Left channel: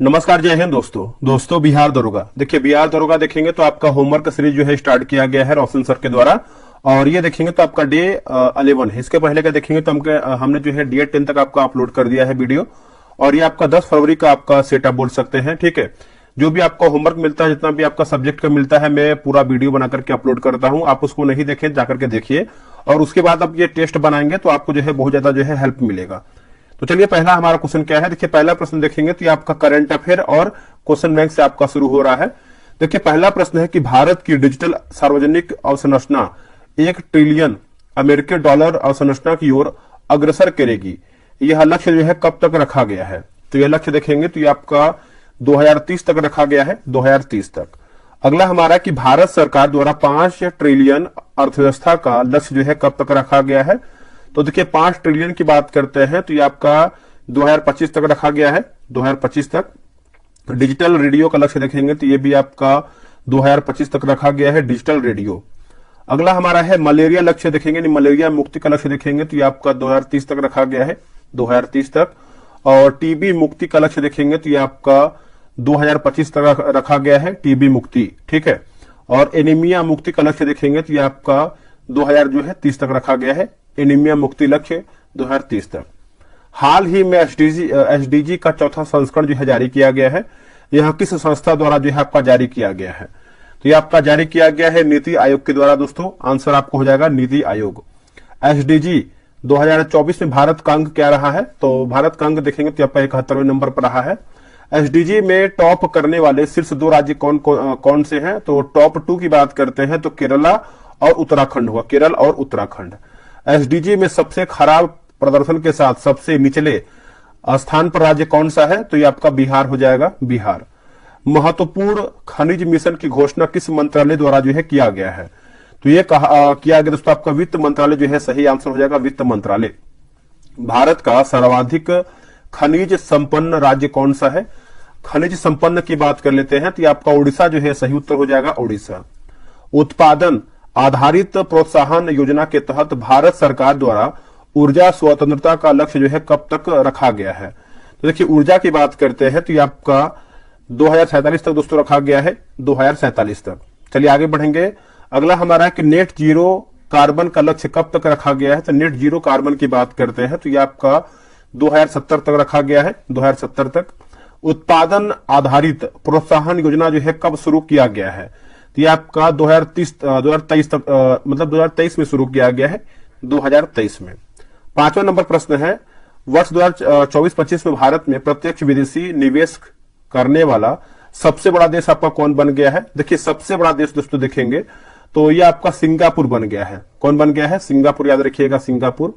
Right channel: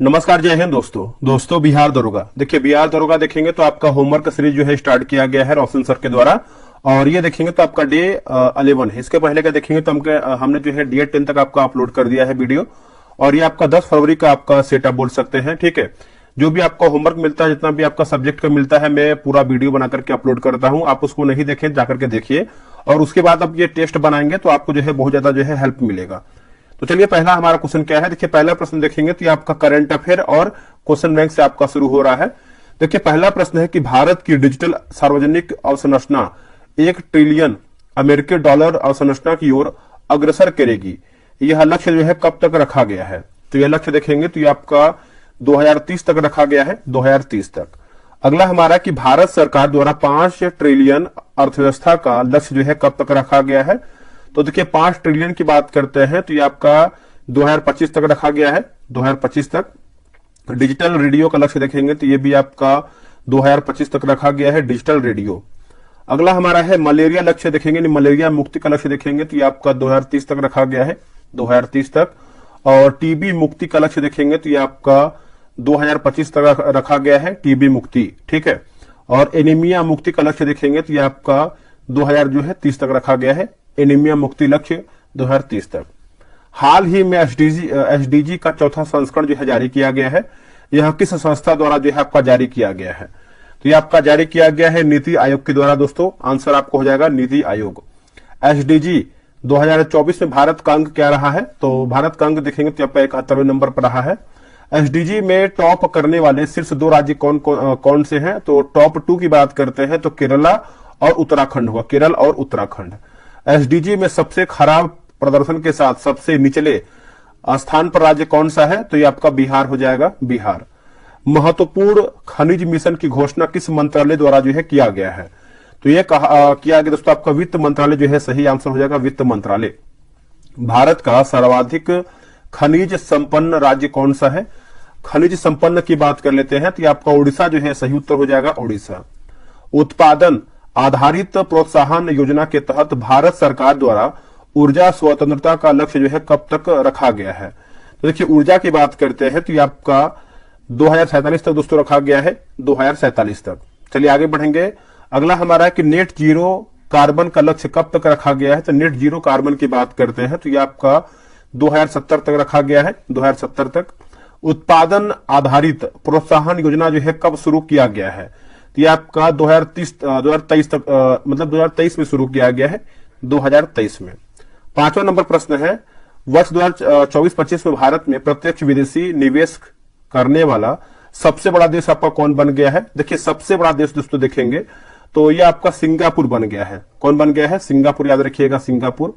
नमस्कार, जय हिंद दोस्तों बिहार दरोगा। देखिए, बिहार दरोगा देखेंगे तो आपका होमवर्क सीरीज जो है स्टार्ट किया गया है रोशन सर के द्वारा। और ये देखेंगे तो आपका डे 11 है। इसके पहले का देखेंगे तो हमने जो है डे 10 तक आपका अपलोड कर दिया है वीडियो। और ये आपका 10 फरवरी का आपका सेटअप बोल सकते हैं। ठीक है, जो भी आपका होमवर्क मिलता है, जितना भी आपका सब्जेक्ट का मिलता है, मैं पूरा वीडियो बना करके अपलोड करता हूँ। आप उसको नहीं देखें, जाकर के देखिए। और उसके बाद आप ये टेस्ट बनाएंगे तो आपको जो है बहुत ज्यादा जो है हेल्प मिलेगा। तो चलिए, पहला हमारा क्वेश्चन क्या है। देखिए, पहला प्रश्न देखेंगे तो ये आपका करंट अफेयर और क्वेश्चन बैंक से आपका शुरू हो रहा है। देखिए, पहला प्रश्न है कि भारत की डिजिटल सार्वजनिक अवसंरचना 1 ट्रिलियन अमेरिकी डॉलर अवसंरचना की ओर अग्रसर करेगी। यह लक्ष्य जो है कब तक रखा गया है? तो यह लक्ष्य देखेंगे तो ये आपका 2030 तक रखा गया है, 2030 तक। अगला हमारा कि भारत सरकार द्वारा 5 ट्रिलियन अर्थव्यवस्था का लक्ष्य जो है कब तक रखा गया है? तो देखिए, 5 ट्रिलियन की बात करते हैं तो ये आपका 2025 तक रखा गया है, 2025 तक। डिजिटल रेडियो का लक्ष्य देखेंगे तो ये भी आपका 2025 तक रखा गया है, डिजिटल रेडियो। अगला हमारा है मलेरिया लक्ष्य देखेंगे, मलेरिया मुक्ति का लक्ष्य देखेंगे तो ये आपका 2030 तक रखा गया है, 2030 तक। और टीबी मुक्ति का लक्ष्य देखेंगे तो ये आपका 2025 तक रखा गया है, टीबी मुक्ति। ठीक है। और एनीमिया मुक्ति का लक्ष्य देखेंगे तो ये आपका 2030 तक रखा गया है, एनीमिया मुक्ति लक्ष्य 2030 तक। हाल ही में एसडीजी का चौथा संस्करण जो है जारी किया गया है। यह किस संस्था द्वारा जो है आपका जारी किया गया है? तो ये आपका जारी किया गया है नीति आयोग के द्वारा। दोस्तों, आंसर आपको हो जाएगा नीति आयोग। एसडीजी 2024 में भारत का अंक क्या रहा है? तो भारत का अंक देखेंगे तो आपका 71वें नंबर पर रहा है। एसडीजी में टॉप करने वाले शीर्ष 2 राज्य कौन से हैं? तो टॉप 2 की बात करते हैं तो केरला और उत्तराखंड हुआ, केरल और उत्तराखंड। एसडीजी में सबसे खराब प्रदर्शन के साथ सबसे निचले स्थान पर राज्य कौन सा है? तो ये आपका बिहार हो जाएगा, बिहार। महत्वपूर्ण खनिज मिशन की घोषणा किस मंत्रालय द्वारा जो है किया गया है? तो ये किया गया दोस्तों आपका वित्त मंत्रालय जो है सही आंसर हो जाएगा, वित्त मंत्रालय। भारत का सर्वाधिक खनिज संपन्न राज्य कौन सा है? खनिज संपन्न की बात कर लेते हैं तो ये आपका उड़ीसा जो है सही उत्तर हो जाएगा, उड़ीसा। उत्पादन आधारित प्रोत्साहन योजना के तहत भारत सरकार द्वारा ऊर्जा स्वतंत्रता का लक्ष्य जो है कब तक रखा गया है? तो देखिए, ऊर्जा की बात करते हैं तो ये आपका 2047 तक दोस्तों रखा गया है, 2047 तक। चलिए आगे बढ़ेंगे। अगला हमारा है कि नेट जीरो कार्बन का लक्ष्य कब तक रखा गया है? तो नेट जीरो कार्बन की बात करते हैं तो ये आपका 2070 तक रखा गया है, 2070 तक। उत्पादन आधारित प्रोत्साहन योजना जो है कब शुरू किया गया है? तो ये आपका 2023 तक, मतलब 2023 में शुरू किया गया है, 2023 में। 5वां नंबर प्रश्न है, वर्ष 2024-25 में भारत में प्रत्यक्ष विदेशी निवेश करने वाला सबसे बड़ा देश आपका कौन बन गया है? देखिए, सबसे बड़ा देश दोस्तों देखेंगे तो ये आपका सिंगापुर बन गया है। कौन बन गया है? सिंगापुर, याद रखिएगा, सिंगापुर।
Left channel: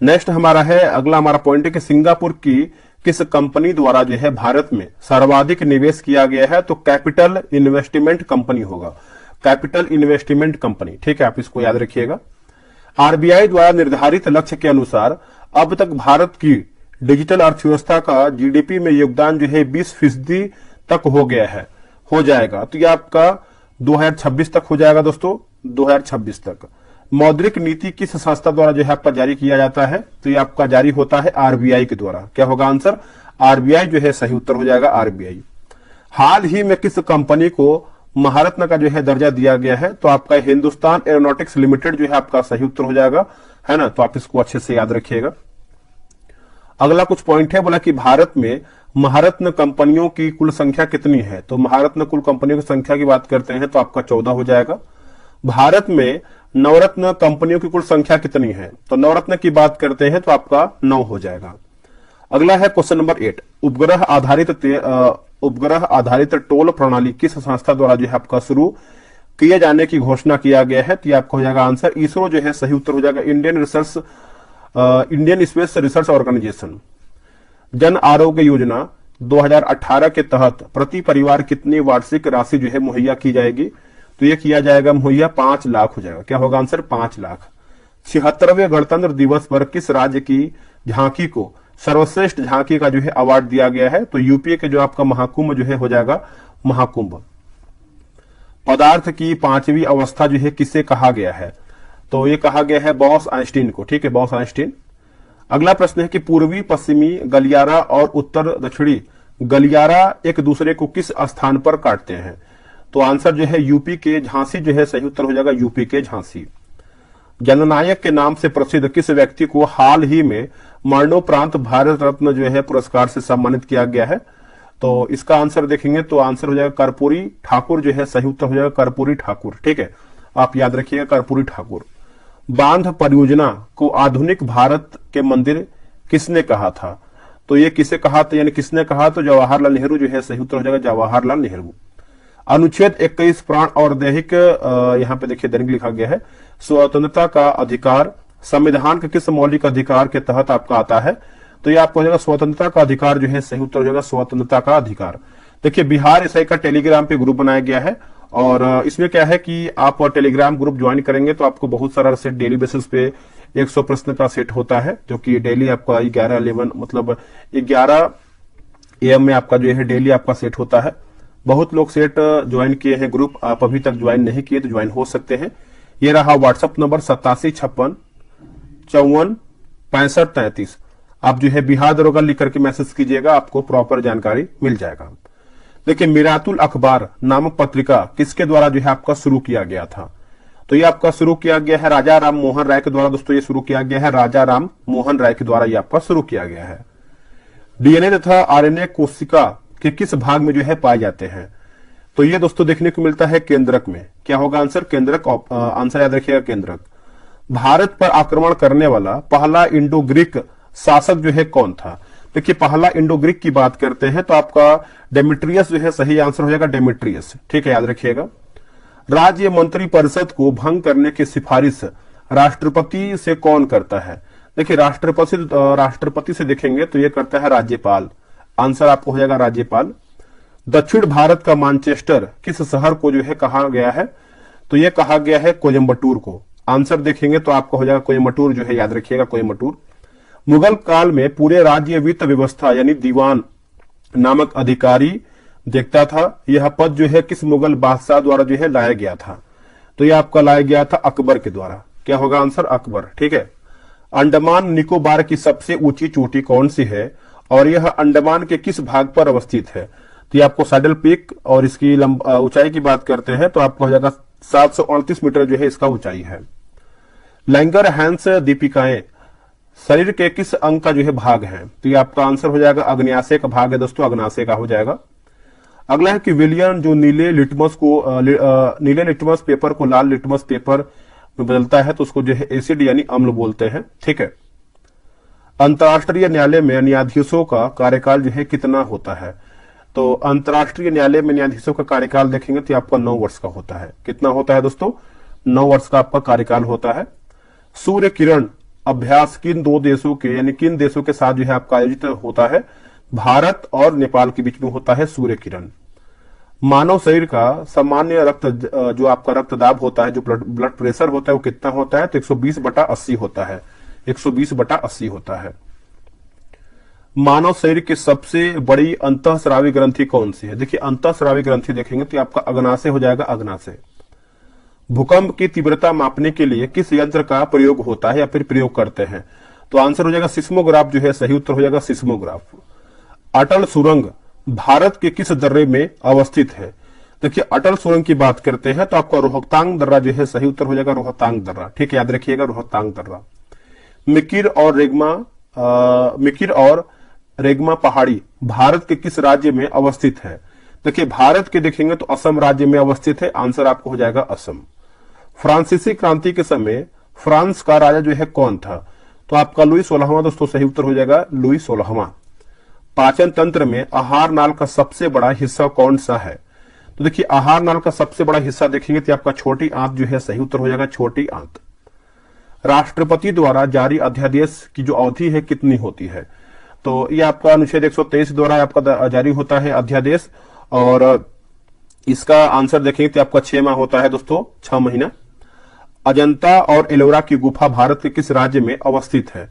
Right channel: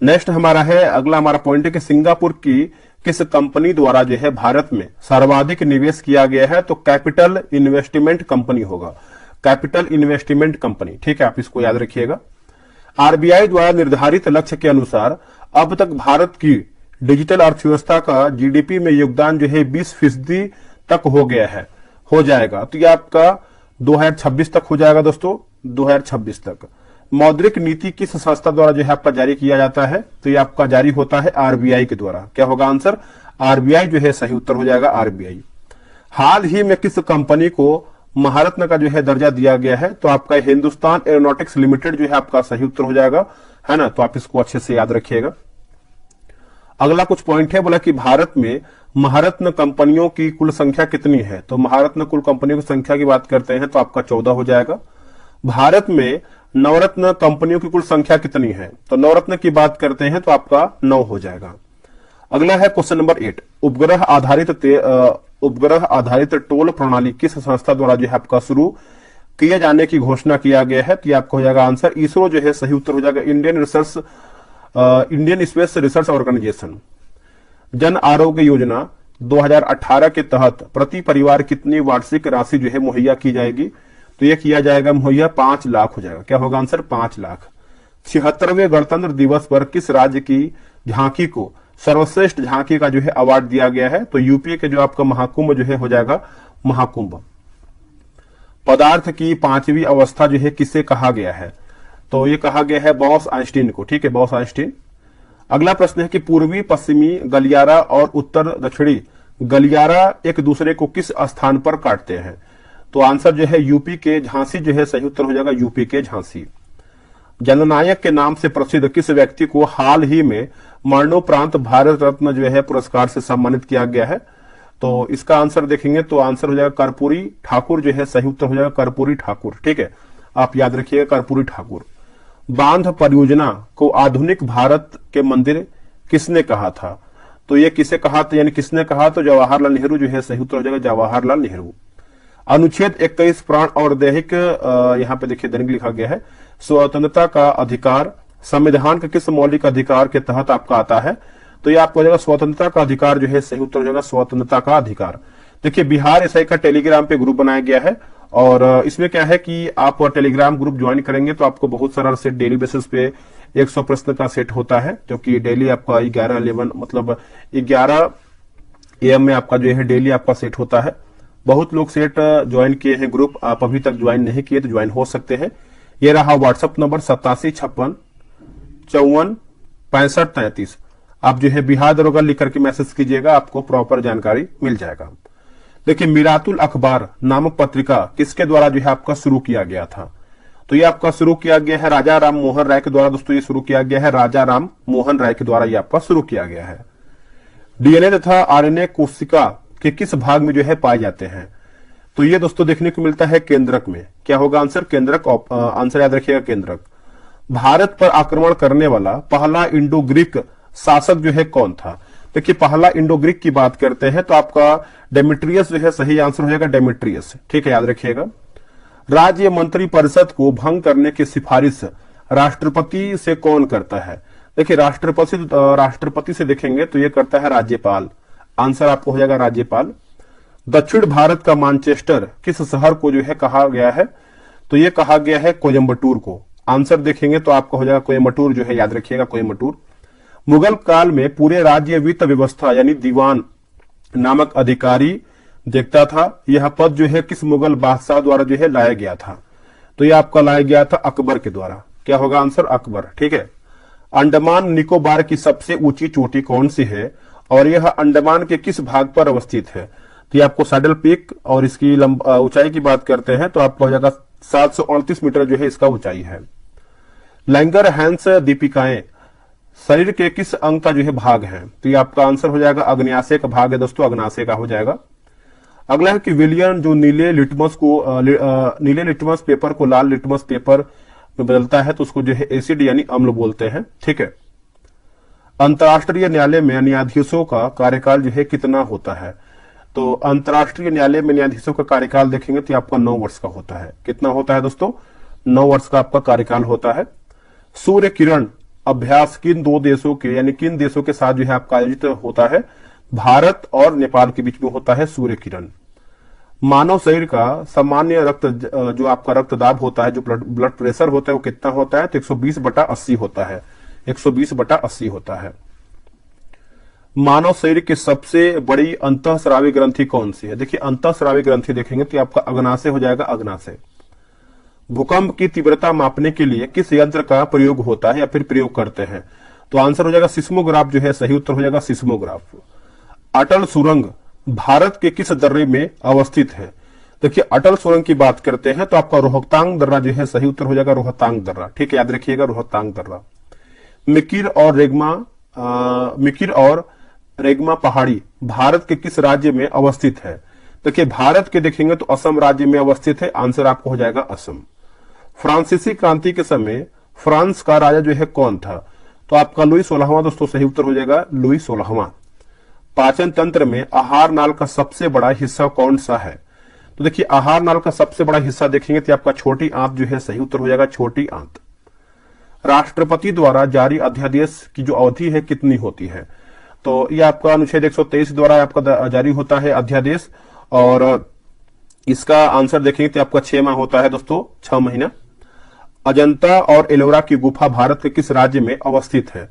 नेक्स्ट हमारा है, अगला हमारा पॉइंट है कि सिंगापुर की किस कंपनी द्वारा जो है भारत में सर्वाधिक निवेश किया गया है? तो कैपिटल इन्वेस्टमेंट कंपनी होगा, कैपिटल इन्वेस्टमेंट कंपनी। ठीक है, आप इसको याद रखिएगा। आरबीआई द्वारा निर्धारित लक्ष्य के अनुसार अब तक भारत की डिजिटल अर्थव्यवस्था का जीडीपी में योगदान जो है 20% तक हो गया है, हो जाएगा। तो ये आपका 2026 तक हो जाएगा दोस्तों, 2026 तक। मौद्रिक नीति किस संस्था द्वारा जो है आपका जारी किया जाता है? तो ये आपका जारी होता है आरबीआई के द्वारा। क्या होगा आंसर? आरबीआई जो है सही उत्तर हो जाएगा, आरबीआई। हाल ही में किस कंपनी को महारत्न का जो है दर्जा दिया गया है? तो आपका हिंदुस्तान एरोनॉटिक्स लिमिटेड जो है आपका सही उत्तर हो जाएगा, है ना। तो आप इसको अच्छे से याद रखिएगा। अगला कुछ पॉइंट है, बोला कि भारत में महारत्न कंपनियों की कुल संख्या कितनी है? तो महारत्न कुल कंपनियों की संख्या की बात करते हैं तो आपका 14 हो जाएगा। भारत में नवरत्न कंपनियों की कुल संख्या कितनी है? तो नवरत्न की बात करते हैं तो आपका 9 हो जाएगा। अगला है क्वेश्चन नंबर 8, उपग्रह आधारित टोल प्रणाली किस संस्था द्वारा जो है आपका शुरू किए जाने की घोषणा किया गया है? तो ये आपका हो जाएगा आंसर इसरो जो है सही उत्तर हो जाएगा, Indian space research organisation. Jan Arogya Yojana 2018 के तहत प्रति परिवार कितनी वार्षिक राशि जो है मुहैया की जाएगी? तो ये किया जाएगा मुहैया 5 लाख हो जाएगा। क्या होगा आंसर? 5 लाख। 76वें गणतंत्र दिवस पर किस राज्य की झांकी को सर्वश्रेष्ठ झांकी का जो है अवार्ड दिया गया है? तो यूपी के जो आपका महाकुंभ जो है हो जाएगा, महाकुंभ। पदार्थ की 5वीं अवस्था जो है किसे कहा गया है? तो ये कहा गया है बॉस आइंस्टीन को। ठीक है, बॉस आइंस्टीन। अगला प्रश्न है कि पूर्वी पश्चिमी गलियारा और उत्तर दक्षिणी गलियारा एक दूसरे को किस स्थान पर काटते हैं? तो आंसर जो है यूपी के झांसी जो है सही उत्तर हो जाएगा, यूपी के झांसी। जननायक के नाम से प्रसिद्ध किस व्यक्ति को हाल ही में मरणोपरांत भारत रत्न जो है पुरस्कार से सम्मानित किया गया है? तो इसका आंसर देखेंगे तो आंसर हो जाएगा कर्पूरी ठाकुर जो है सही उत्तर हो जाएगा, कर्पूरी ठाकुर। ठीक है, आप याद रखिएगा कर्पूरी ठाकुर। बांध परियोजना को आधुनिक भारत के मंदिर किसने कहा था? तो ये किसे कहा था, यानी किसने कहा? तो जवाहरलाल नेहरू जो है सही उत्तर हो जाएगा, जवाहरलाल नेहरू। अनुच्छेद 21 प्राण और दैहिक, यहाँ पे देखिए दैनिक लिखा गया है, स्वतंत्रता का अधिकार संविधान के किस मौलिक अधिकार के तहत आपका आता है? तो ये आपको हो जाएगा स्वतंत्रता का अधिकार जो है सही उत्तर हो जाएगा, स्वतंत्रता का अधिकार। देखिए बिहार एसआई का टेलीग्राम पे ग्रुप बनाया गया है और इसमें क्या है कि आप टेलीग्राम ग्रुप ज्वाइन करेंगे तो आपको बहुत सारा सेट डेली बेसिस पे 100 प्रश्न का सेट होता है, जो कि डेली आपका 11 मतलब 11 AM में आपका जो है डेली आपका सेट होता है। बहुत लोग सेट ज्वाइन किए हैं ग्रुप, आप अभी तक ज्वाइन नहीं किए तो ज्वाइन हो सकते हैं। ये रहा व्हाट्सएप नंबर 8756546533। आप जो है बिहार दरोगा लिख करके मैसेज कीजिएगा, आपको प्रॉपर जानकारी मिल जाएगा। देखिए मिरातुल अखबार नामक पत्रिका किसके द्वारा जो है आपका शुरू किया गया था? तो ये आपका शुरू किया गया है राजा राम मोहन राय के द्वारा। दोस्तों ये शुरू किया गया है राजा राम मोहन राय के द्वारा, ये आपका शुरू किया गया है। डीएनए तथा आरएनए कोशिका के किस भाग में जो है पाए जाते हैं? तो ये दोस्तों देखने को मिलता है केंद्रक में। क्या होगा आंसर? केंद्रक। आंसर याद रखिएगा, केंद्रक। भारत पर आक्रमण करने वाला पहला इंडो ग्रीक शासक जो है कौन था? देखिए पहला इंडो ग्रीक की बात करते हैं तो आपका डेमेट्रियस जो है सही आंसर हो जाएगा, डेमेट्रियस। ठीक है, याद रखिएगा। राज्य मंत्री परिषद को भंग करने की सिफारिश राष्ट्रपति से कौन करता है? देखिए राष्ट्रपति से देखेंगे तो ये करता है राज्यपाल। आंसर आपको हो जाएगा राज्यपाल। दक्षिण भारत का मैनचेस्टर किस शहर को जो है कहा गया है? तो ये कहा गया है कोयम्बटूर को। आंसर देखेंगे तो आपको हो जाएगा कोयम्बटूर जो है, याद रखिएगा कोयम्बटूर। मुगल काल में पूरे राज्य वित्त व्यवस्था यानी दीवान नामक अधिकारी देखता था। यह पद जो है किस मुगल बादशाह द्वारा जो है लाया गया था? तो यह आपका लाया गया था अकबर के द्वारा। क्या होगा आंसर? अकबर। ठीक है। अंडमान निकोबार की सबसे ऊंची चोटी कौन सी है और यह अंडमान के किस भाग पर अवस्थित है? तो ये आपको सैडल पीक और इसकी ऊंचाई की बात करते हैं तो आपको हो जाएगा 738 मीटर जो है इसका ऊंचाई है। लैंगरहैंस दीपिकाएं शरीर के किस अंग का जो है भाग है? तो ये आपका आंसर हो जाएगा अग्न्याशय का भाग है दोस्तों, अग्न्याशय का हो जाएगा। अगला है कि विलियन जो नीले लिटमस पेपर को लाल लिटमस पेपर में बदलता है तो उसको जो है एसिड यानी अम्ल बोलते हैं। ठीक है। अंतर्राष्ट्रीय न्यायालय में न्यायाधीशों का कार्यकाल जो है कितना होता है? तो अंतर्राष्ट्रीय न्यायालय में न्यायाधीशों का कार्यकाल देखेंगे तो आपका 9 वर्ष का होता है। कितना होता है दोस्तों? 9 वर्ष का आपका कार्यकाल होता है। सूर्य किरण अभ्यास किन दो देशों के यानी किन देशों के साथ जो है आपका आयोजित होता है? भारत और नेपाल के बीच में होता है सूर्य किरण। मानव शरीर का सामान्य रक्त जो आपका रक्तदाब होता है, जो ब्लड प्रेशर होता है वो कितना होता है? तो 120/80 होता है, 120/80 होता है। मानव शरीर की सबसे बड़ी अंतःस्रावी ग्रंथि कौन सी है? देखिए अंतःस्रावी ग्रंथि देखेंगे तो आपका अग्नाशय हो जाएगा, अग्नाशय। भूकंप की तीव्रता मापने के लिए किस यंत्र का प्रयोग होता है या फिर प्रयोग करते हैं? तो आंसर हो जाएगा सिस्मोग्राफ जो है सही उत्तर हो जाएगा, सिस्मोग्राफ। अटल सुरंग भारत के किस दर्रे में अवस्थित है? देखिए अटल सुरंग की बात करते हैं तो आपका रोहतांग दर्रा जो है सही उत्तर हो जाएगा, रोहतांग दर्रा। ठीक है, याद रखिएगा रोहतांग दर्रा। मिकिर और रेगमा पहाड़ी भारत के किस राज्य में अवस्थित है? देखिए भारत के देखेंगे तो असम राज्य में अवस्थित है। आंसर आपको हो जाएगा असम। फ्रांसीसी क्रांति के समय फ्रांस का राजा जो है कौन था? तो आपका लुई 16वां दोस्तों सही उत्तर हो जाएगा, लुई 16वां। पाचन तंत्र में आहार नाल का सबसे बड़ा हिस्सा कौन सा है? तो देखिए आहार नाल का सबसे बड़ा हिस्सा देखेंगे तो आपका छोटी आंत जो है सही उत्तर हो जाएगा, छोटी आंत। राष्ट्रपति द्वारा जारी अध्यादेश की जो अवधि है कितनी होती है? तो ये आपका अनुच्छेद 123 द्वारा आपका जारी होता है अध्यादेश और इसका आंसर देखेंगे तो आपका 6 माह होता है दोस्तों, 6 महीना। अजंता और एलोरा की गुफा भारत के किस राज्य में अवस्थित है?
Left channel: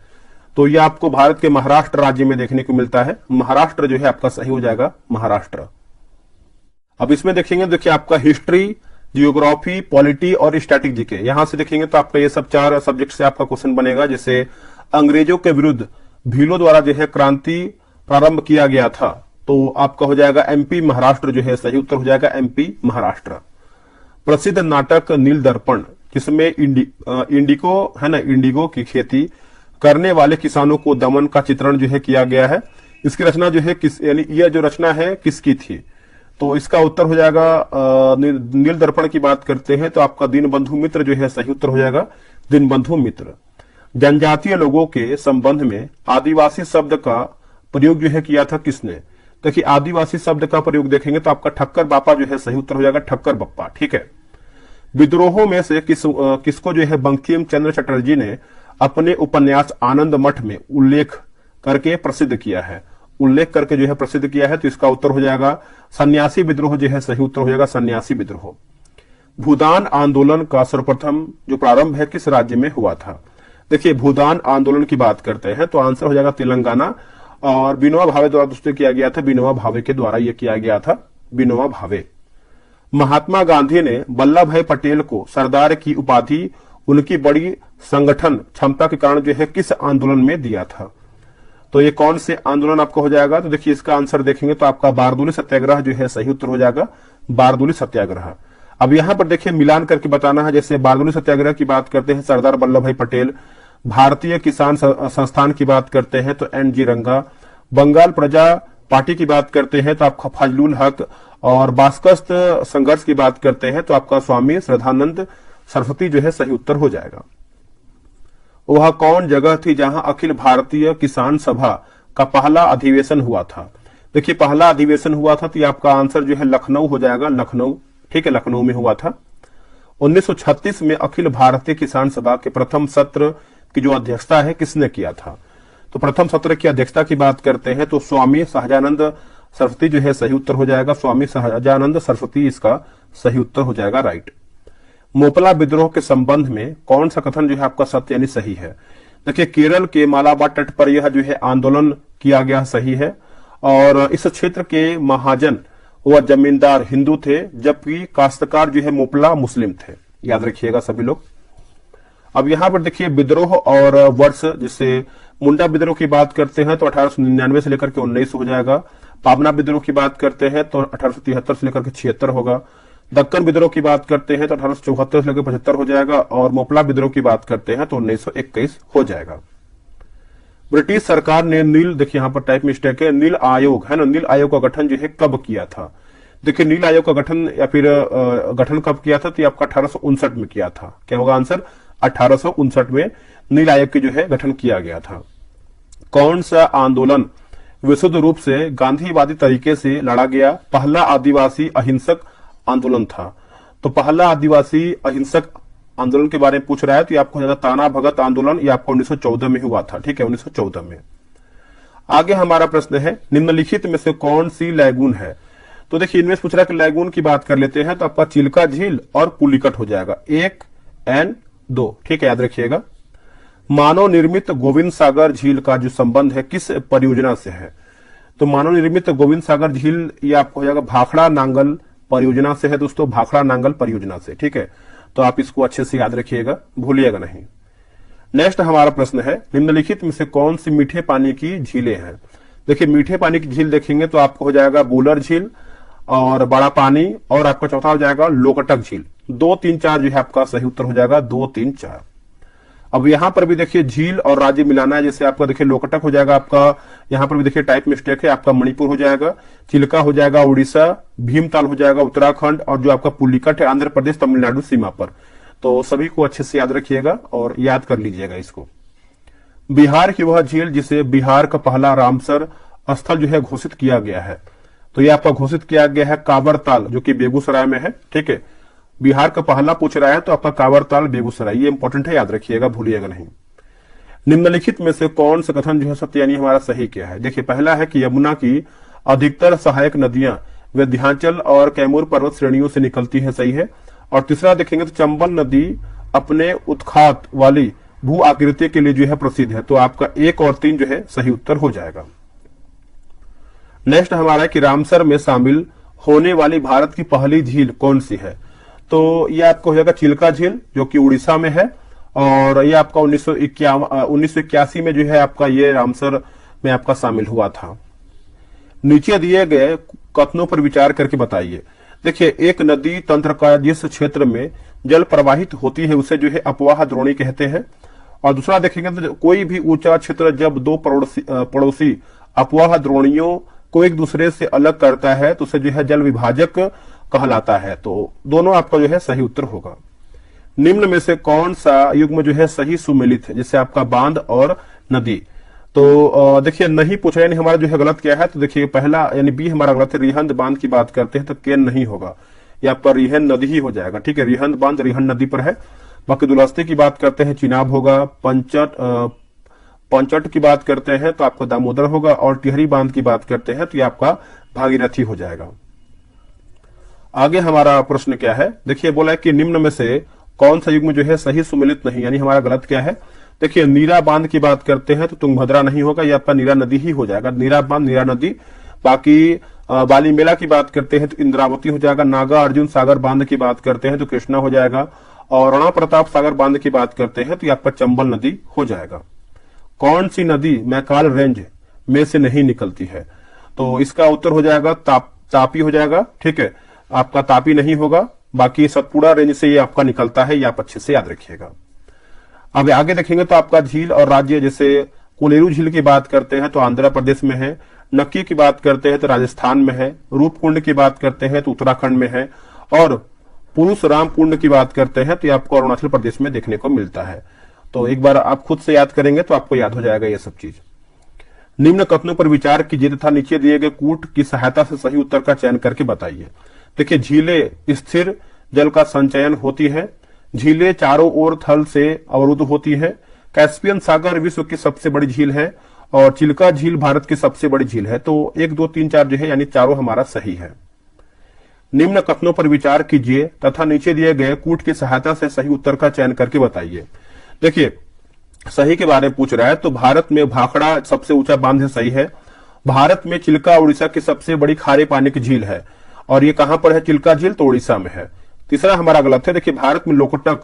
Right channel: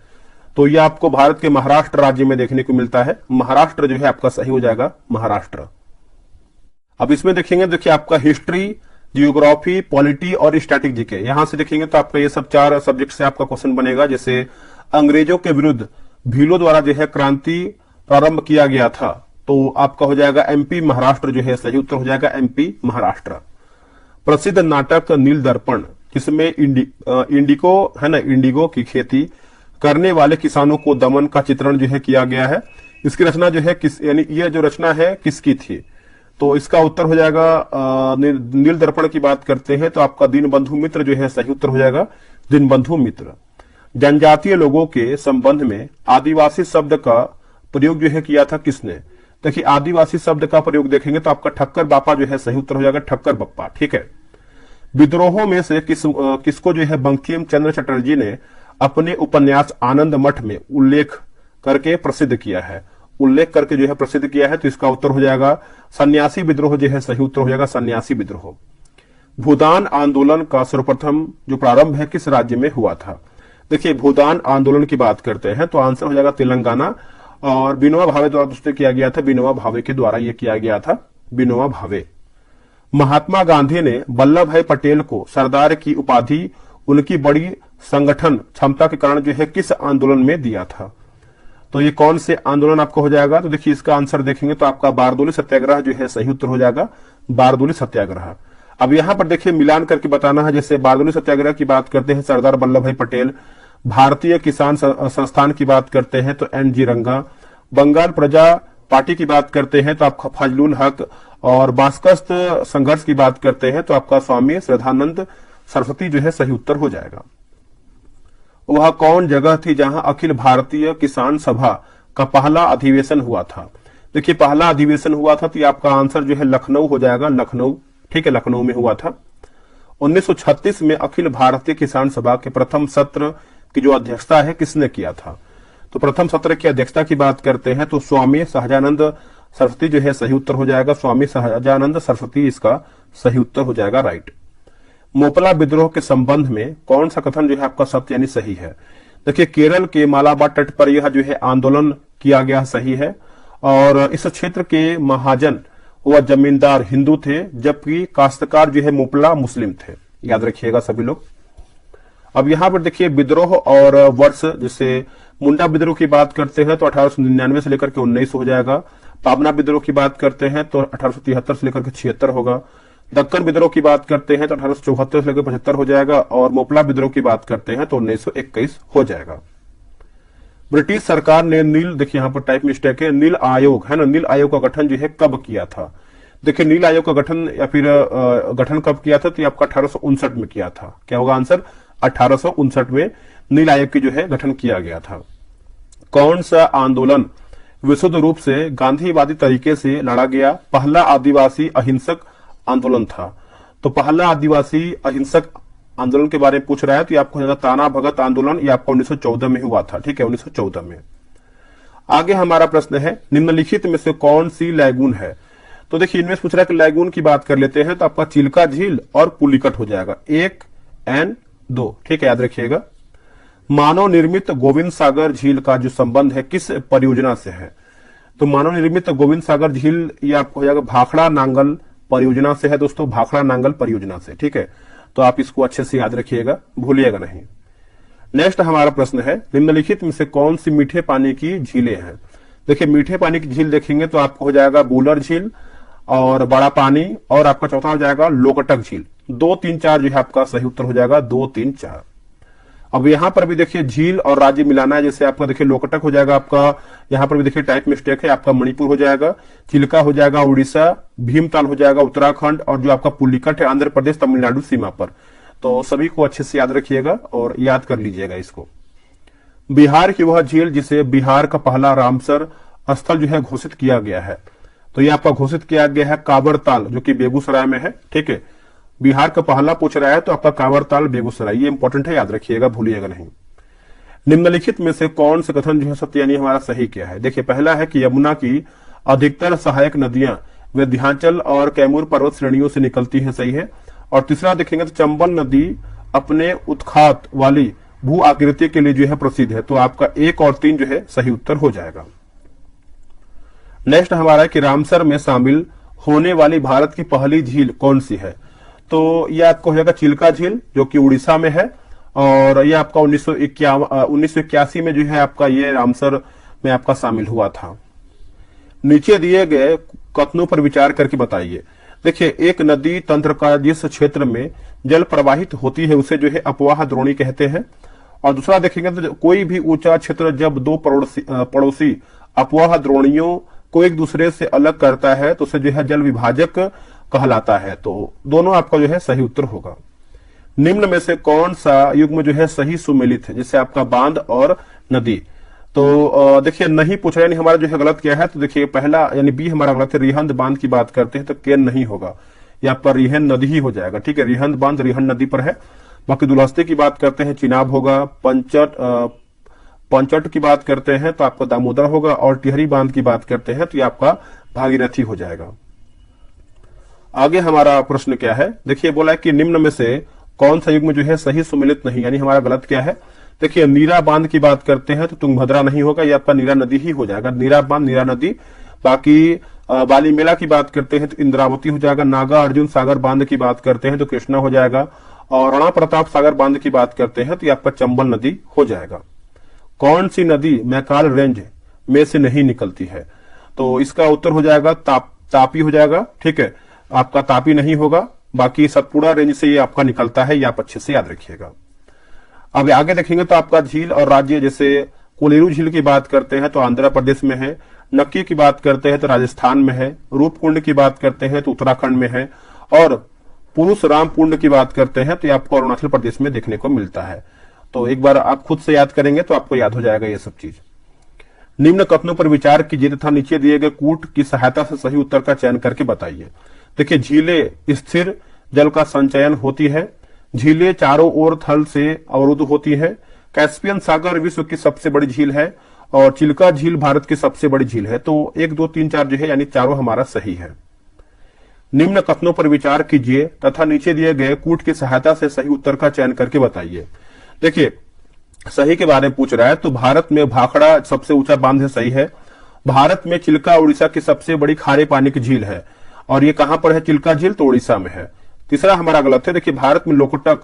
तो यह आपको भारत के महाराष्ट्र राज्य में देखने को मिलता है। महाराष्ट्र जो है आपका सही हो जाएगा, महाराष्ट्र। अब इसमें देखेंगे, देखिए आपका हिस्ट्री, जियोग्राफी, पॉलिटी और स्टैटिक जीके, यहां से देखेंगे तो आपका ये सब 4 सब्जेक्ट से आपका क्वेश्चन बनेगा। जैसे अंग्रेजों के विरुद्ध भीलों द्वारा जो है क्रांति प्रारंभ किया गया था? तो आपका हो जाएगा एमपी महाराष्ट्र जो है सही उत्तर हो जाएगा एमपी महाराष्ट्र। प्रसिद्ध नाटक नील दर्पण जिसमें इंडिगो है ना, इंडिगो की खेती करने वाले किसानों को दमन का चित्रण जो है किया गया है, इसकी रचना जो है किस, यानी ये जो रचना है किसकी थी? तो इसका उत्तर हो जाएगा नील दर्पण की बात करते हैं तो आपका दीनबंधु मित्र जो है सही उत्तर हो जाएगा दीनबंधु मित्र। जनजातीय लोगों के संबंध में आदिवासी शब्द का प्रयोग जो है किया था किसने? देखिए आदिवासी शब्द का प्रयोग देखेंगे तो आपका ठक्कर बापा जो है सही उत्तर हो जाएगा ठक्कर बप्पा। ठीक है, विद्रोहों में से किसको जो है बंकिम चंद्र चटर्जी ने अपने उपन्यास आनंद मठ में उल्लेख करके प्रसिद्ध किया है? उल्लेख करके जो है प्रसिद्ध किया है तो इसका उत्तर हो जाएगा सन्यासी विद्रोह जो है सही उत्तर हो जाएगा सन्यासी विद्रोह। भूदान आंदोलन का सर्वप्रथम जो प्रारंभ है किस राज्य में हुआ था? देखिए भूदान आंदोलन की बात करते हैं तो आंसर हो जाएगा तेलंगाना, और विनोबा भावे द्वारा दोस्तों किया गया था, विनोबा भावे के द्वारा यह किया गया था, विनोबा भावे। महात्मा गांधी ने वल्लभ भाई पटेल को सरदार की उपाधि उनकी बड़ी संगठन क्षमता के कारण जो है किस आंदोलन में दिया था? तो ये कौन से आंदोलन आपको हो जाएगा? तो देखिए इसका आंसर देखेंगे तो आपका बारदोली सत्याग्रह जो है सही उत्तर हो जाएगा बारदोली सत्याग्रह। अब यहां पर देखिए मिलान करके बताना है, जैसे बारदोली सत्याग्रह की बात करते हैं सरदार वल्लभ भाई पटेल, भारतीय किसान संस्थान की बात करते हैं तो एन जी रंगा, बंगाल प्रजा पार्टी की बात करते हैं तो आपका फजलुल हक, और बास्कस्त संघर्ष की बात करते हैं तो आपका स्वामी श्रद्धानंद सरस्वती जो है सही उत्तर हो जाएगा। वह कौन जगह थी जहां अखिल भारतीय किसान सभा का पहला अधिवेशन हुआ था? देखिए पहला अधिवेशन हुआ था तो ये आपका आंसर जो है लखनऊ हो जाएगा, लखनऊ। ठीक है, लखनऊ में हुआ था। 1936 में अखिल भारतीय किसान सभा के प्रथम सत्र की जो अध्यक्षता है किसने किया था? तो प्रथम सत्र की अध्यक्षता की बात करते हैं तो स्वामी सहजानंद सरस्वती जो है सही उत्तर हो जाएगा, स्वामी सहजानंद सरस्वती इसका सही उत्तर हो जाएगा, राइट। मोपला विद्रोह के संबंध में कौन सा कथन जो है आपका सत्य यानी सही है? देखिए केरल के मालाबार तट पर यह जो है आंदोलन किया गया सही है, और इस क्षेत्र के महाजन व जमींदार हिंदू थे जबकि काश्तकार जो है मोपला मुस्लिम थे, याद रखिएगा सभी लोग। अब यहाँ पर देखिए विद्रोह और वर्ष, जैसे मुंडा विद्रोह की बात करते हैं तो 1899 से लेकर के 19 हो जाएगा, पाबना विद्रोह की बात करते हैं तो 1873 से लेकर के 76 होगा, दक्कन विद्रोह की बात करते हैं तो 1874 से लेकर 75 हो जाएगा, और मोपला विद्रोह की बात करते हैं तो 1921 हो जाएगा। ब्रिटिश सरकार ने नील, देखिए यहाँ पर टाइप मिस्टेक है, नील आयोग है ना, नील आयोग का गठन जो है कब किया था? देखिए नील आयोग का गठन या फिर गठन कब किया था तो ये आपका 1859 में किया था। क्या होगा आंसर? 1859 में नील आयोग की जो है गठन किया गया था। कौन सा आंदोलन विशुद्ध रूप से गांधीवादी तरीके से लड़ा गया पहला आदिवासी अहिंसक आंदोलन था? तो पहला आदिवासी अहिंसक आंदोलन के बारे में पूछ रहा है तो ये आपको ताना भगत आंदोलन, ये आपको 1914 में हुआ था। ठीक है, 1914 में। आगे हमारा प्रश्न है निम्नलिखित में से कौन सी लैगून है? तो देखिए इनमें पूछ रहा है कि लैगून की बात कर लेते हैं तो आपका चिल्का झील और पुलिकट हो जाएगा, 1 एंड 2। ठीक है, याद रखिएगा। मानव निर्मित गोविंद सागर झील का जो संबंध है किस परियोजना से है? तो मानव निर्मित गोविंद सागर झील ये आपको हो जाएगा भाखड़ा नांगल परियोजना से है दोस्तों, भाखड़ा नांगल परियोजना से। ठीक है, तो आप इसको अच्छे से याद रखिएगा, भूलिएगा नहीं। नेक्स्ट हमारा प्रश्न है निम्नलिखित में से कौन सी मीठे पानी की झीलें हैं? देखिए मीठे पानी की झील देखेंगे तो आपको हो जाएगा बूलर झील और बड़ा पानी, और आपका चौथा हो जाएगा लोकटक झील। 2, 3, 4 जो है आपका सही उत्तर हो जाएगा 2, 3, 4। अब यहाँ पर भी देखिए झील और राज्य मिलाना, जैसे आपका देखिए लोकटक हो जाएगा आपका, यहाँ पर भी देखिए टाइप मिस्टेक है, आपका मणिपुर हो जाएगा, चिल्का हो जाएगा उड़ीसा, भीमताल हो जाएगा उत्तराखंड, और जो आपका पुलिकट है आंध्र प्रदेश तमिलनाडु सीमा पर। तो सभी को अच्छे से याद रखिएगा और याद कर लीजिएगा इसको। बिहार की वह झील जिसे बिहार का पहला रामसर स्थल जो है घोषित किया गया है, तो ये आपका घोषित किया गया है कांवरताल, जो कि बेगूसराय में है। ठीक है, बिहार का पहला पूछ रहा है तो आपका कांवरताल बेगूसराय, ये इंपॉर्टेंट है, याद रखिएगा, भूलिएगा नहीं। निम्नलिखित में से कौन सा कथन जो है सत्य यानी हमारा सही क्या है? देखिए पहला है कि यमुना की अधिकतर सहायक नदियां विंध्याचल और कैमूर पर्वत श्रेणियों से निकलती है, सही है। और तीसरा देखेंगे तो चंबल नदी अपने उत्खात वाली भू आकृति के लिए जो है प्रसिद्ध है, तो आपका 1 और 3 जो है सही उत्तर हो जाएगा। नेक्स्ट हमारा है कि रामसर में शामिल होने वाली भारत की पहली झील कौन सी है? तो यह आपको हो जाएगा चिल्का झील, जो कि उड़ीसा में है, और ये आपका 1981 में जो है आपका ये रामसर में आपका शामिल हुआ था। नीचे दिए गए कथनों पर विचार करके बताइए। देखिए, एक नदी तंत्र का जिस क्षेत्र में जल प्रवाहित होती है उसे जो है अपवाह द्रोणी कहते हैं। और दूसरा देखेंगे तो कोई भी ऊंचा क्षेत्र जब दो पड़ोसी अपवाह द्रोणियों को एक दूसरे से अलग करता है तो उसे जो है जल विभाजक कहलाता है। तो दोनों आपका जो है सही उत्तर होगा। निम्न में से कौन सा युग्म जो है सही सुमेलित है, जैसे आपका बांध और नदी। तो देखिए, नहीं पूछ रहे, यानी हमारा जो है गलत क्या है, तो देखिए पहला यानी बी हमारा गलत है। रिहंद बांध की बात करते हैं तो केन नहीं होगा, यहाँ पर रिहंद नदी ही हो जाएगा। ठीक है, रिहंद बांध रिहंद नदी पर है। बाकी दुलहस्ती की बात करते हैं चिनाब होगा। पंचट की बात करते हैं तो आपका दामोदर होगा। और टिहरी बांध की बात करते हैं तो ये आपका भागीरथी हो जाएगा। आगे हमारा प्रश्न क्या है, देखिए बोला है कि निम्न में से कौन सा युग्म जो है सही सुमेलित नहीं, यानी हमारा गलत क्या है। देखिए, नीरा बांध की बात करते हैं तो तुंगभद्रा नहीं होगा, ये आपका नीरा नदी ही हो जाएगा। नीरा बांध नीरा नदी। बाकी बाली मेला की बात करते हैं तो इंद्रावती हो जाएगा। नागा अर्जुन सागर बांध की बात करते हैं तो कृष्णा हो जाएगा। और राणा प्रताप सागर बांध की बात करते हैं तो ये आपका चंबल नदी हो जाएगा। कौन सी नदी मैकाल रेंज में से नहीं निकलती है, तो इसका उत्तर हो जाएगा तापी हो जाएगा। ठीक है, आपका तापी नहीं होगा। बाकी सतपुड़ा रेंज से ये आपका निकलता है, ये आप अच्छे से याद रखिएगा। अब आगे देखेंगे तो आपका झील और राज्य, जैसे कोलेरू झील की बात करते हैं तो आंध्र प्रदेश में है। नक्की की बात करते हैं तो राजस्थान में है। रूपकुंड की बात करते हैं तो उत्तराखंड में है। और पुरुष राम कुंड की बात करते हैं तो ये आपको अरुणाचल प्रदेश में देखने को मिलता है। तो एक बार आप खुद से याद करेंगे तो आपको याद हो जाएगा ये सब चीज। निम्न कथनों पर विचार कीजिए तथा नीचे दिए गए कूट की सहायता से सही उत्तर का चयन करके बताइए। देखिए, झीलें स्थिर जल का संचयन होती है। झीलें चारों ओर थल से अवरुद्ध होती है। कैस्पियन सागर विश्व की सबसे बड़ी झील है और चिल्का झील भारत की सबसे बड़ी झील है। तो 1, 2, 3, 4 जो है यानी चारों हमारा सही है। निम्न कथनों पर विचार कीजिए तथा नीचे दिए गए कूट की सहायता से सही उत्तर का चयन करके बताइए। देखिए, सही के बारे में पूछ रहा है तो भारत में भाखड़ा सबसे ऊंचा बांध है, सही है। भारत में चिल्का उड़ीसा की सबसे बड़ी खारे पानी की झील है और ये कहां पर है, चिल्का झील तो उड़ीसा में है। तीसरा हमारा गलत है। देखिए, भारत में लोकटक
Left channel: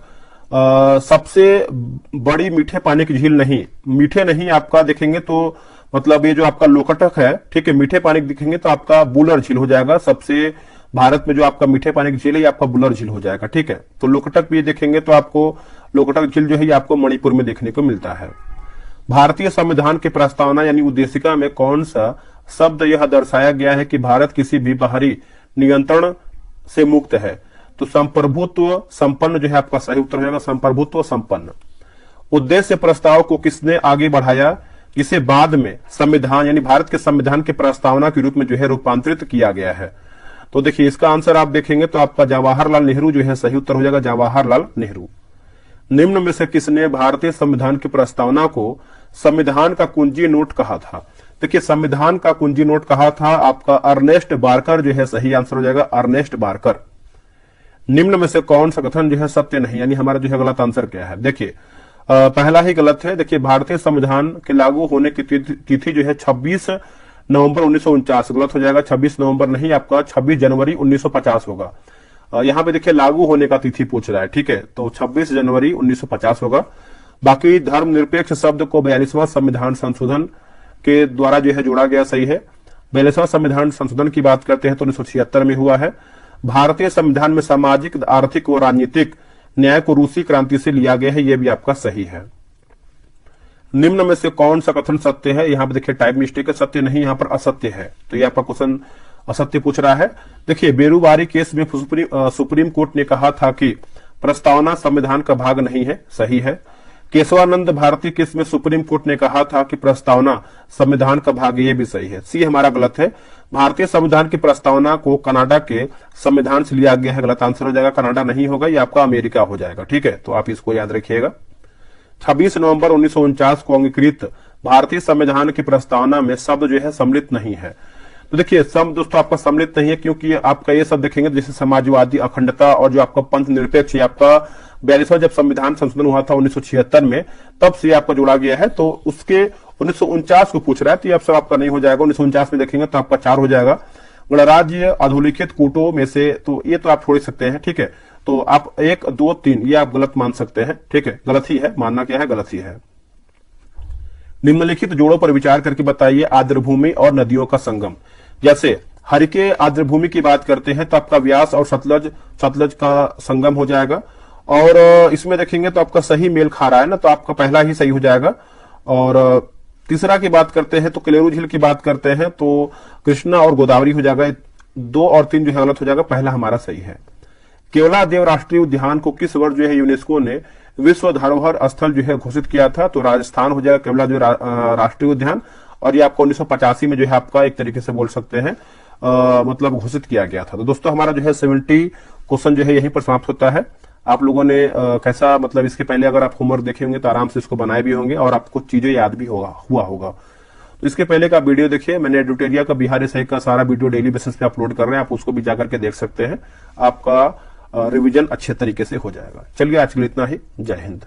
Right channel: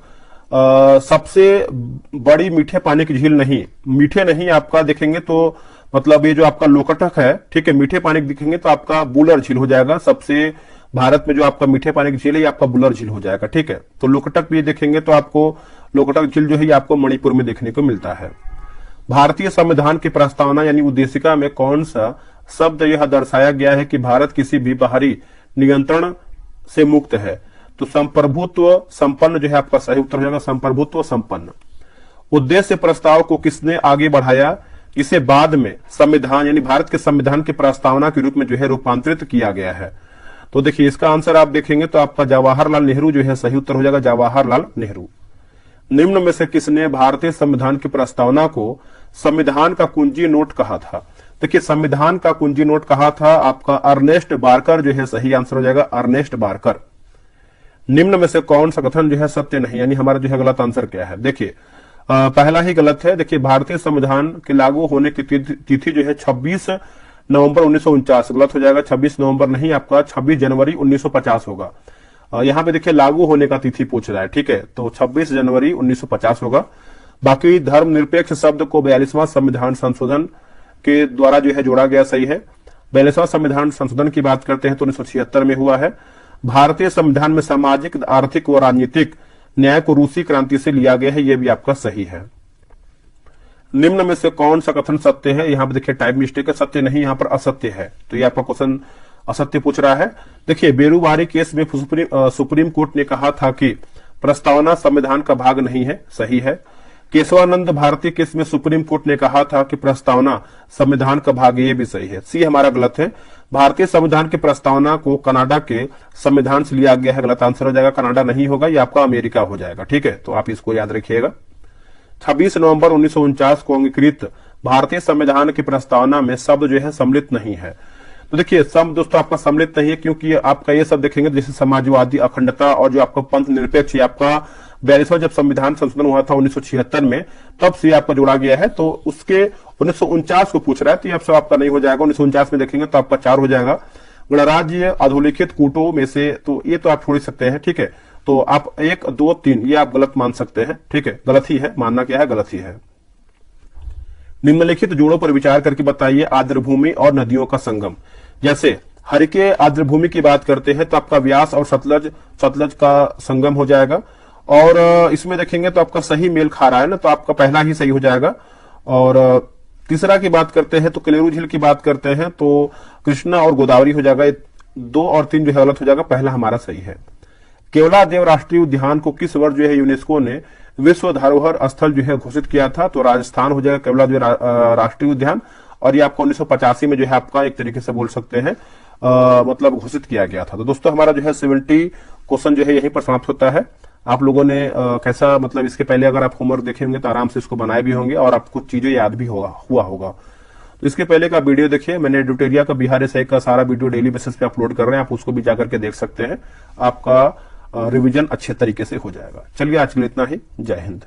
सबसे बड़ी मीठे पानी की झील नहीं, मीठे नहीं आपका देखेंगे तो मतलब ये जो आपका लोकटक है, ठीक है, मीठे पानी दिखेंगे तो आपका बुलर झील हो जाएगा। सबसे भारत में जो आपका मीठे पानी की झील है ये आपका बुलर झील हो जाएगा। ठीक है, तो लोकटक भी देखेंगे तो आपको लोकटक झील जो है ये आपको मणिपुर में देखने को मिलता है। भारतीय संविधान की प्रस्तावना यानी उद्देशिका में कौन सा शब्द यह दर्शाया गया है कि भारत किसी भी बाहरी नियंत्रण से मुक्त है, तो संप्रभुत्व संपन्न जो है आपका सही उत्तर हो जाएगा, संप्रभुत्व संपन्न। उद्देश्य प्रस्ताव को किसने आगे बढ़ाया, जिसे बाद में संविधान यानी भारत के संविधान के प्रस्तावना के रूप में जो है रूपांतरित किया गया है। तो देखिए, इसका आंसर आप देखेंगे तो आपका जवाहरलाल नेहरू जो है सही उत्तर हो जाएगा, जवाहरलाल नेहरू। निम्न में से किसने भारतीय संविधान की प्रस्तावना को संविधान का कुंजी नोट कहा था। देखिए, संविधान का कुंजी नोट कहा था आपका अर्नेस्ट बारकर जो है सही आंसर हो जाएगा, अर्नेस्ट बारकर। निम्न में से कौन सा कथन जो है सत्य नहीं, यानी हमारा जो है गलत आंसर क्या है। देखिए, पहला ही गलत है। देखिए, भारतीय संविधान के लागू होने की तिथि जो है 26 नवंबर 1949, गलत हो जाएगा। 26 नवंबर नहीं, आपका 26 जनवरी 1950 होगा। यहाँ पे देखिए लागू होने का तिथि पूछ रहा है, ठीक है, तो 26 जनवरी 1950 होगा। बाकी धर्मनिरपेक्ष शब्द को 42वां संविधान संशोधन के द्वारा जो है जोड़ा गया, सही है। 42वां संविधान संशोधन की बात करते हैं तो 1976 में हुआ है। भारतीय संविधान में सामाजिक, आर्थिक व राजनीतिक न्याय को रूसी क्रांति से लिया गया है, यह भी आपका सही है। निम्न में से कौन सा कथन सत्य है, यहाँ पे देखिए टाइप मिस्टेक है, सत्य नहीं, यहाँ पर असत्य है, तो ये आपका क्वेश्चन असत्य पूछ रहा है। देखिए, बेरुवारी केस में सुप्रीम कोर्ट ने कहा था कि प्रस्तावना संविधान का भाग नहीं है, सही है। केशवानंद भारती केस में सुप्रीम कोर्ट ने कहा था कि प्रस्तावना संविधान का भाग, ये भी सही है। सी हमारा गलत है। भारतीय संविधान की प्रस्तावना को कनाडा के संविधान से लिया गया है, गलत आंसर हो जाएगा, कनाडा नहीं होगा, ये आपका अमेरिका हो जाएगा, ठीक है, तो आप इसको याद रखिएगा। 26 नवंबर 1949 को अंगीकृत भारतीय संविधान की प्रस्तावना में शब्द जो है सम्मिलित नहीं है। तो देखिए, शब्द दोस्तों आपका सम्मिलित नहीं है क्योंकि आपका ये सब देखेंगे जैसे समाजवादी, अखंडता और जो आपका पंथ निरपेक्ष, आपका 42वां जब संविधान संशोधन हुआ था 1976 में, तब से आपका जोड़ा गया है, तो उसके 1949 को पूछ रहा है, तो ये सब आपका नहीं हो जाएगा। 1949 में देखेंगे तो आपका 4 हो जाएगा। गणराज्य अधोलिखित कूटों में से, तो ये तो आप छोड़ सकते हैं, ठीक है। तो आप 1 2 3 ये आप गलत मान सकते हैं, ठीक है, गलत ही है, मानना क्या है, गलत ही है। निम्नलिखित जोड़ों पर विचार करके बताइए आर्द्रभूमि और नदियों का संगम। जैसे हरिके आर्द्रभूमि की बात करते हैं तो आपका व्यास और सतलज का संगम हो जाएगा, और इसमें देखेंगे तो आपका सही मेल खा रहा है ना, तो आपका पहला ही सही हो जाएगा। और तीसरा की बात करते हैं तो कलेरू झील की बात करते हैं तो कृष्णा और गोदावरी हो जाएगा। 2 और 3 जो है गलत हो जाएगा, पहला हमारा सही है। केवलादेव राष्ट्रीय उद्यान को किस वर्ष जो है यूनेस्को ने विश्व धरोहर स्थल जो है घोषित किया था, तो राजस्थान हो जाएगा केवलादेव राष्ट्रीय उद्यान, और ये आपको 1985 में जो है आपका एक तरीके से बोल सकते हैं मतलब घोषित किया गया था। तो दोस्तों हमारा जो है 70 क्वेश्चन जो है यहीं पर समाप्त होता है। आप लोगों ने कैसा, मतलब इसके पहले अगर आप होमवर्क देखे होंगे तो आराम से इसको बनाए भी होंगे और आपको चीजें याद भी हुआ होगा। तो इसके पहले का वीडियो देखिए, मैंने ड्यूटेरिया का बिहार एसआई का सारा वीडियो डेली बेसिस पे अपलोड कर रहे हैं, आप उसको भी जाकर के देख सकते हैं, आपका रिवीजन अच्छे तरीके से हो जाएगा। चलिए आज के लिए इतना ही, जय हिंद।